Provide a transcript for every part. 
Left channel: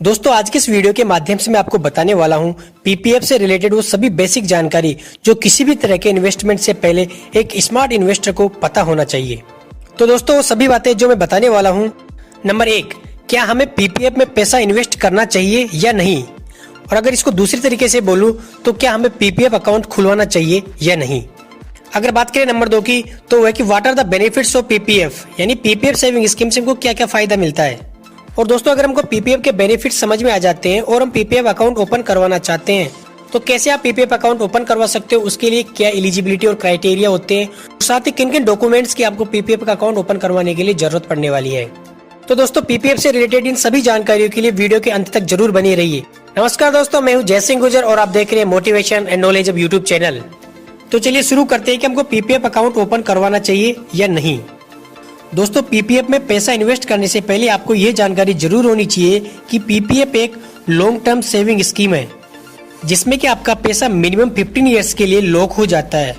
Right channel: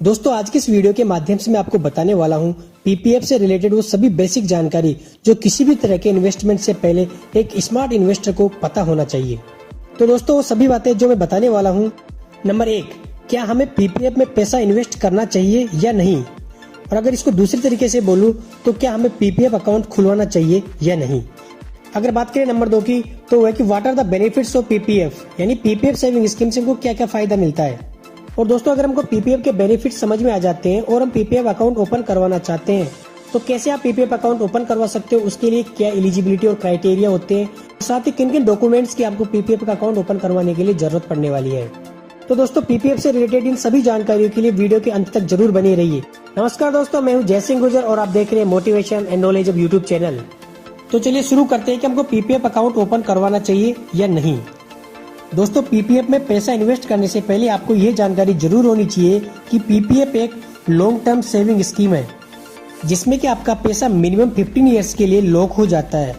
दोस्तों आज के इस वीडियो के माध्यम से मैं आपको बताने वाला हूं पीपीएफ से रिलेटेड वो सभी बेसिक जानकारी जो किसी भी तरह के इन्वेस्टमेंट से पहले एक स्मार्ट इन्वेस्टर को पता होना चाहिए। तो दोस्तों वो सभी बातें जो मैं बताने वाला हूं। नंबर 1, क्या हमें पीपीएफ में पैसा इन्वेस्ट करना चाहिए या नहीं, और अगर इसको दूसरी तरीके से बोलूं तो क्या हमें पीपीएफ अकाउंट खुलवाना चाहिए या नहीं। अगर बात करें नंबर 2 की, तो वह कि what are the benefits of PPF, यानी पीपीएफ सेविंग स्कीम से हमको क्या क्या फायदा मिलता है। और दोस्तों अगर हमको पीपीएफ के बेनिफिट समझ में आ जाते हैं और हम पीपीएफ अकाउंट ओपन करवाना चाहते हैं तो कैसे आप पीपीएफ अकाउंट ओपन करवा सकते हो, उसके लिए क्या एलिजिबिलिटी और क्राइटेरिया होते हैं, साथ ही किन किन डॉक्यूमेंट्स की आपको पीपीएफ का अकाउंट ओपन करवाने के लिए जरूरत पड़ने वाली है। तो दोस्तों पीपीएफ से रिलेटेड इन सभी जानकारियों के लिए वीडियो के अंत तक जरूर बनी रहिए। नमस्कार दोस्तों, मैं हूँ जय सिंह गुर्जर और आप देख रहे हैं motivation and knowledge of YouTube channel. तो चलिए शुरू करते हैं कि हमको पीपीएफ अकाउंट ओपन करवाना चाहिए या नहीं। दोस्तों पीपीएफ में पैसा इन्वेस्ट करने से पहले आपको ये जानकारी जरूर होनी चाहिए कि पीपीएफ एक लॉन्ग टर्म सेविंग स्कीम है जिसमें कि आपका पैसा मिनिमम 15 इयर्स के लिए लॉक हो जाता है।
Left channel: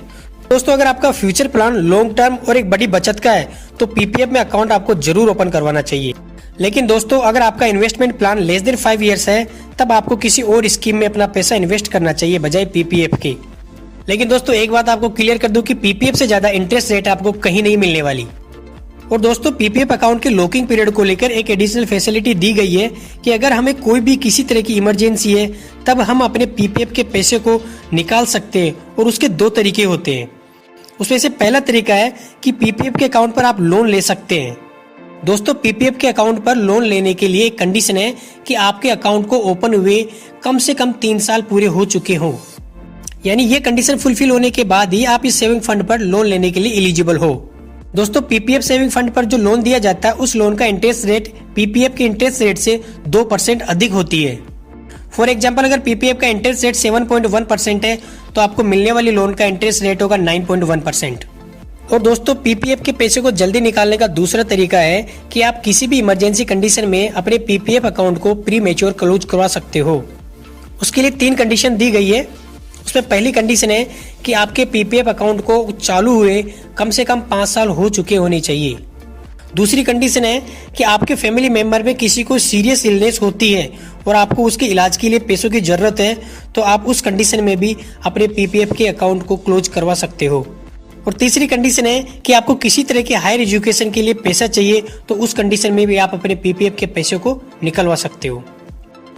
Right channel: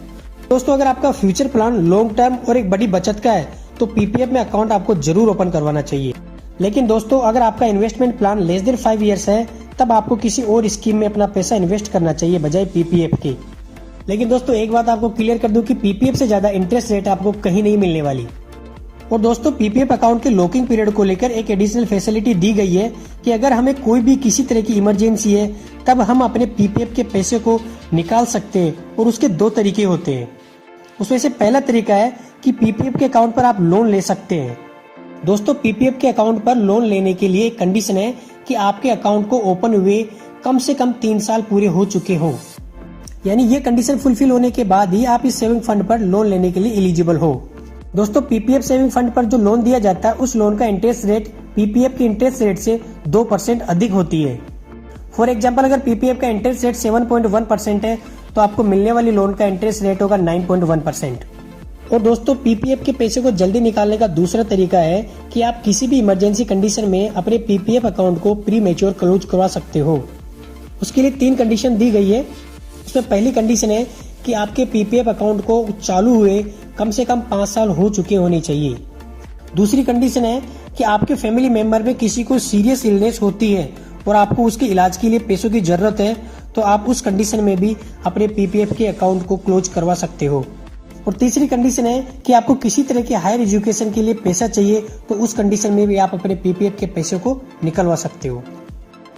दोस्तों अगर आपका फ्यूचर प्लान लॉन्ग टर्म और एक बड़ी बचत का है तो पीपीएफ में अकाउंट आपको जरूर ओपन करवाना चाहिए। लेकिन दोस्तों अगर आपका investment plan less than 5 years है तब आपको किसी और स्कीम में अपना पैसा इन्वेस्ट करना चाहिए बजाय पीपीएफ के। लेकिन दोस्तों एक बात आपको क्लियर कर दूं कि पीपीएफ से ज्यादा इंटरेस्ट रेट आपको कहीं नहीं मिलने वाली। और दोस्तों पीपीएफ अकाउंट के लॉकिंग पीरियड को लेकर एक एडिशनल फैसिलिटी दी गई है कि अगर हमें कोई भी किसी तरह की इमरजेंसी है तब हम अपने पीपीएफ के पैसे को निकाल सकते हैं। और उसके 2 तरीके होते हैं। उसमें से पहला तरीका है कि पीपीएफ के अकाउंट पर आप लोन ले सकते हैं। दोस्तों पीपीएफ के अकाउंट पर लोन लेने के लिए एक कंडीशन है कि आपके अकाउंट को ओपन हुए कम से कम 3 साल पूरे हो चुके हों, यानी ये कंडीशन फुलफिल होने के बाद ही आप इस सेविंग फंड पर लोन लेने के लिए एलिजिबल हो। दोस्तों पीपीएफ सेविंग फंड पर जो लोन दिया जाता है उस लोन का इंटरेस्ट रेट पीपीएफ के इंटरेस्ट रेट से 2% अधिक होती है। फॉर एग्जांपल अगर पीपीएफ का इंटरेस्ट रेट 7.1% है तो आपको मिलने वाली लोन का इंटरेस्ट रेट होगा 9.1%। और दोस्तों पीपीएफ के पैसे को जल्दी निकालने का दूसरा तरीका है कि आप किसी भी इमरजेंसी कंडीशन में अपने पीपीएफ अकाउंट को प्री मैच्योर क्लोज करवा सकते हो। उसके लिए 3 कंडीशन दी गई है। उसमें पहली कंडीशन है कि आपके पीपीएफ अकाउंट को चालू हुए कम से कम 5 साल हो चुके होने चाहिए। दूसरी कंडीशन है कि आपके फैमिली मेंबर में किसी को सीरियस इलनेस होती है और आपको उसके इलाज के लिए पैसों की जरूरत है तो आप उस कंडीशन में भी अपने पीपीएफ के अकाउंट को क्लोज करवा सकते हो। और तीसरी कंडीशन है कि आपको किसी तरह के हायर एजुकेशन के लिए पैसा चाहिए तो उस कंडीशन में भी आप अपने पीपीएफ के पैसे को निकलवा सकते हो।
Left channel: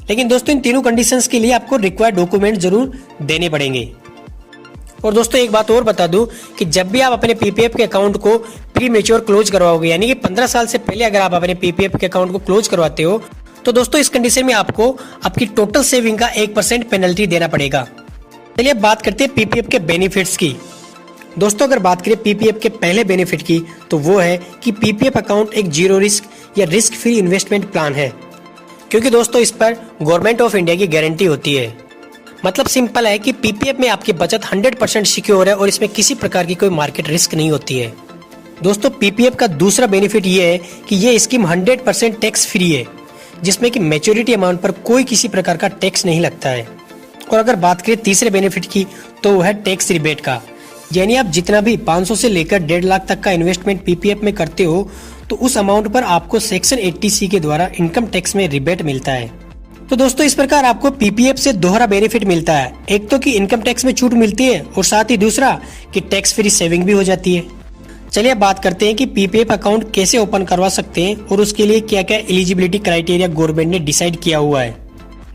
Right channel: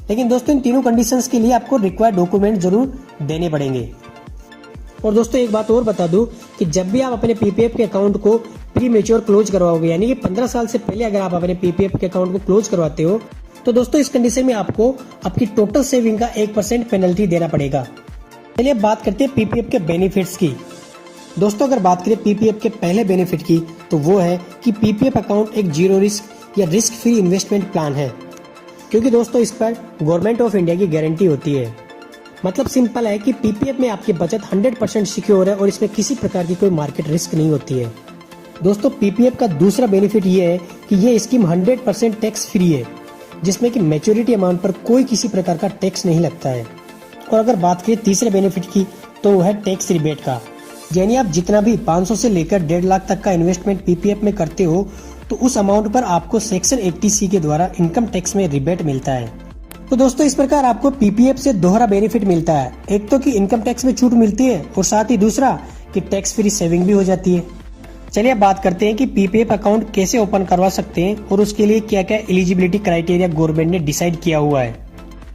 लेकिन दोस्तों इन तीनों कंडीशंस के लिए आपको रिक्वायर्ड डॉक्यूमेंट जरूर देने पड़ेंगे। और दोस्तों एक बात और बता दूं कि जब भी आप अपने पीपीएफ के अकाउंट को प्री मैच्योर क्लोज करवाओगे, यानी कि 15 साल से पहले अगर आप अपने पीपीएफ के अकाउंट को क्लोज करवाते हो तो दोस्तों इस कंडीशन में आपको आपकी टोटल सेविंग का 1% पेनल्टी देना पड़ेगा। चलिए अब बात करते हैं पीपीएफ के बेनिफिट्स की। दोस्तों अगर बात करें पीपीएफ के पहले बेनिफिट की तो वो है कि पीपीएफ अकाउंट एक जीरो रिस्क या रिस्क फ्री इन्वेस्टमेंट प्लान है, क्योंकि दोस्तों इस पर गवर्नमेंट ऑफ इंडिया की गारंटी होती है। मतलब सिंपल है कि पीपीएफ में आपकी बचत 100% सिक्योर है और इसमें किसी प्रकार की कोई मार्केट रिस्क नहीं होती है। दोस्तों पीपीएफ का दूसरा बेनिफिट ये है कि ये स्कीम 100% टैक्स फ्री है, जिसमें कि मैच्योरिटी अमाउंट पर कोई किसी प्रकार का टैक्स नहीं लगता है। और अगर बात करें तीसरे बेनिफिट की तो वो है टैक्स रिबेट का, यानी आप जितना भी 500 से लेकर 1.5 लाख तक का इन्वेस्टमेंट पीपीएफ में करते हो तो उस अमाउंट पर आपको सेक्शन 80C के द्वारा इनकम टैक्स में रिबेट मिलता है। तो दोस्तों इस प्रकार आपको पीपीएफ से दोहरा बेनिफिट मिलता है, एक तो कि इनकम टैक्स में छूट मिलती है और साथ ही दूसरा कि टैक्स फ्री सेविंग भी हो जाती है। चलिए बात करते हैं कि पीपीएफ अकाउंट कैसे ओपन करवा सकते हैं और उसके लिए क्या क्या एलिजिबिलिटी क्राइटेरिया गवर्नमेंट ने डिसाइड किया हुआ है।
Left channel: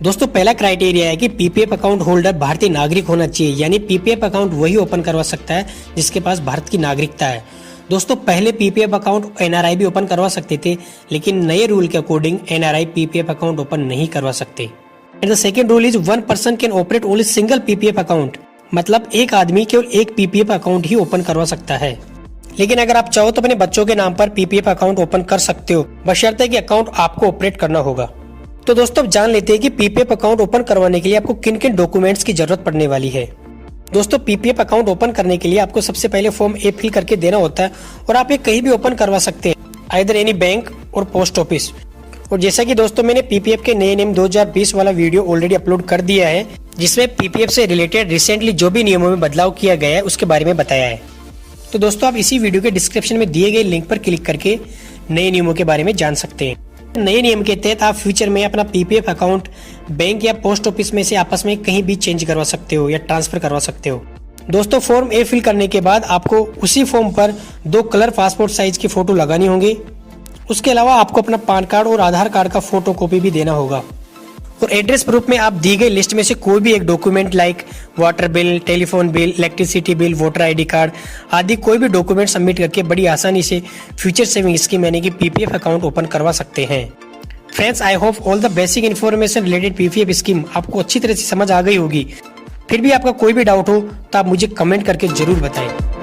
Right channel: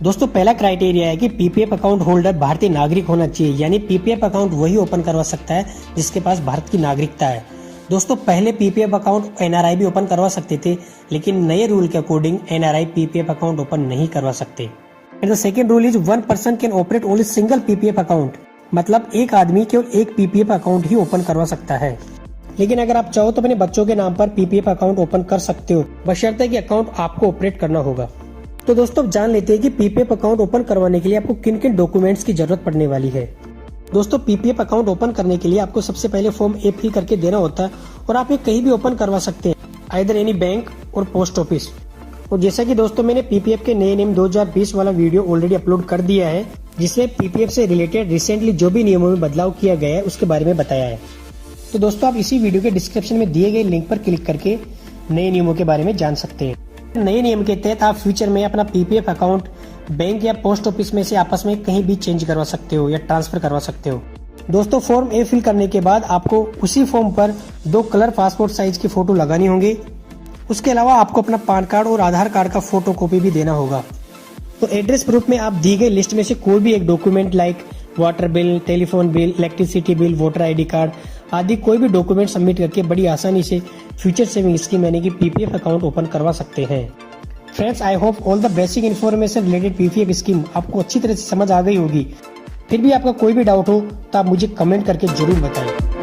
दोस्तों पहला क्राइटेरिया है कि पीपीएफ अकाउंट होल्डर भारतीय नागरिक होना चाहिए, यानी पीपीएफ अकाउंट वही ओपन करवा सकता है जिसके पास भारत की नागरिकता है। दोस्तों पहले पीपीएफ अकाउंट एनआरआई भी ओपन करवा सकते थे, लेकिन नए रूल के according NRI PPF account open नहीं करवा सकते। And the second rule is 1 person can operate only single PPF account, मतलब एक आदमी केवल एक पीपीएफ अकाउंट ही ओपन करवा सकता है। लेकिन अगर आप चाहो तो अपने बच्चों के नाम पर पीपीएफ अकाउंट ओपन कर सकते हो, बशर्ते कि अकाउंट आपको ऑपरेट करना होगा। तो दोस्तों अब जान लेते हैं कि पीपीएफ अकाउंट ओपन करवाने के लिए आपको किन किन डॉक्यूमेंट्स की जरूरत पड़ने वाली है। दोस्तों पीपीएफ अकाउंट ओपन करने के लिए आपको सबसे पहले फॉर्म ए फिल करके देना होता है और आप ये कहीं भी ओपन करवा सकते हैं, आइदर एनी बैंक और पोस्ट ऑफिस। और जैसा कि दोस्तों मैंने पीपीएफ के नए नियम 2020 वाला वीडियो ऑलरेडी अपलोड कर दिया है, जिसमें पीपीएफ से रिलेटेड रिसेंटली जो भी नियमों में बदलाव किया गया है उसके बारे में बताया है। तो दोस्तों आप इसी वीडियो के डिस्क्रिप्शन में दिए गए लिंक पर क्लिक करके नए नियमों के बारे में जान सकते हैं। नए नियम के तहत आप फ्यूचर में अपना पीपीएफ अकाउंट बैंक या पोस्ट ऑफिस में से आपस में कहीं भी चेंज करवा सकते हो या ट्रांसफर करवा सकते हो। दोस्तों फॉर्म ए फिल करने के बाद आपको उसी फॉर्म पर 2 कलर पासपोर्ट साइज की फोटो लगानी होंगे। उसके अलावा आपको अपना पैन कार्ड और आधार कार्ड का फोटो कॉपी भी देना होगा। और एड्रेस प्रूफ में आप दी गई लिस्ट में से कोई भी एक document like water bill, telephone bill, electricity bill, voter ID card आदि कोई भी डॉक्यूमेंट सबमिट करके बड़ी आसानी से फ्यूचर सेविंग स्कीम यानी कि पीपीएफ अकाउंट ओपन करवा सकते हैं। Friends, I hope all the basic information related PPF scheme आपको अच्छी तरह से समझ आ गई होगी। फिर भी आपका कोई भी डाउट हो तो आप मुझे कमेंट करके जरूर बताएं।